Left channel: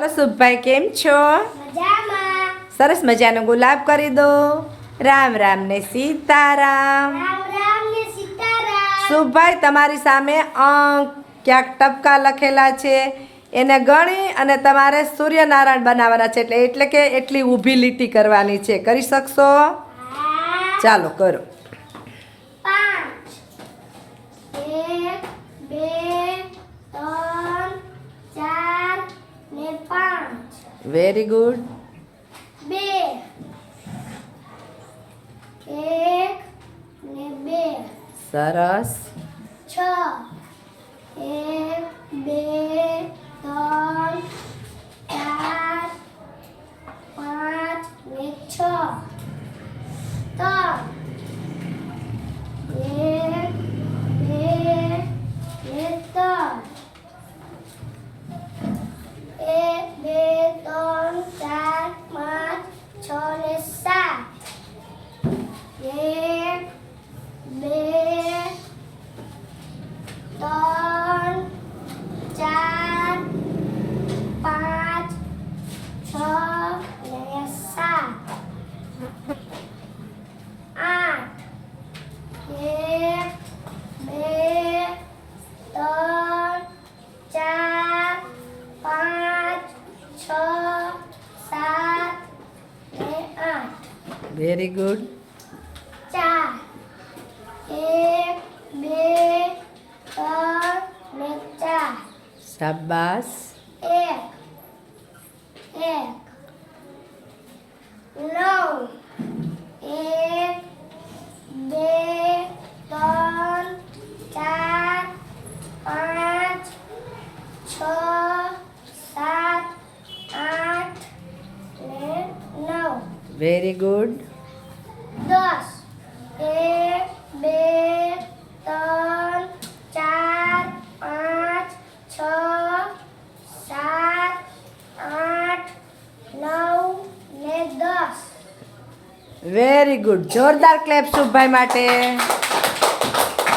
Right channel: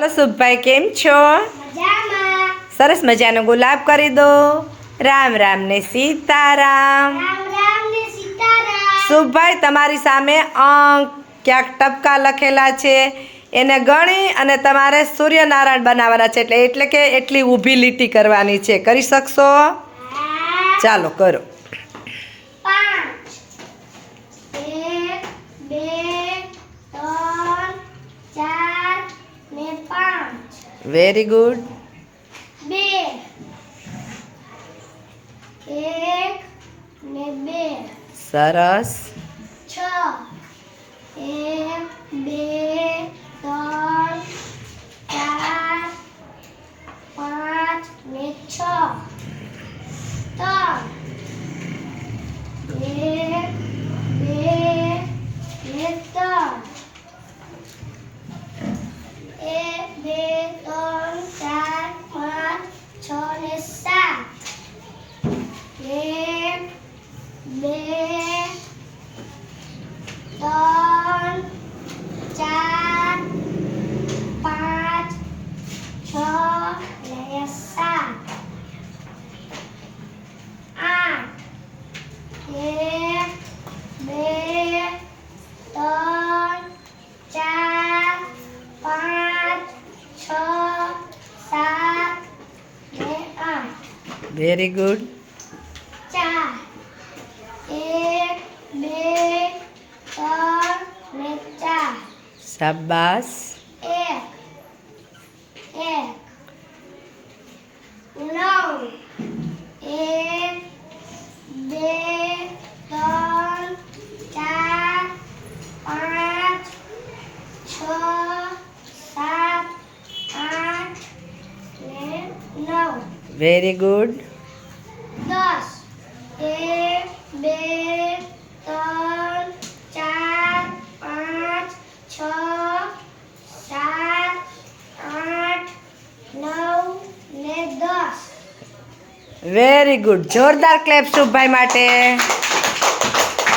હાલો શુભભાઈ કેમ છો? સરસ મજાનો ગુલાબ કરી દો. રામ રામ ને સીતારામ. શુભભાઈ તમારી સામે અંક ક્યાંક ટપકા લખેલા છે, એને ગણી અને તમારે સૂર્યનારાયણ બનાવવાના છે, એટલે કે એટલી ઊભી લીટી કરવાની છે. કરી શકશો? ચાલો કરો. 5 વેરી ગુડ. 2 1 ને 2 સરસ. 6 1 2 3 4 5 ને 6 3 1 2 ને 3 1 2 3 4 5 6 ને 7 1 2 3 4 5 6 ને 7 8 1 2 3 4 5 6 7 ને 8 વેરી ગુડ. 4 1 2 3 ને 4 શાબાશ. 1 9 1 2 3 4 5 6 7 8 ને 9 વેરી ગુડ. 10 1 2 3 4 5 6 7 8 9 ને 10 વેરી ગુડ. જોરદાર ક્લેપ શુભભાઈ માટે.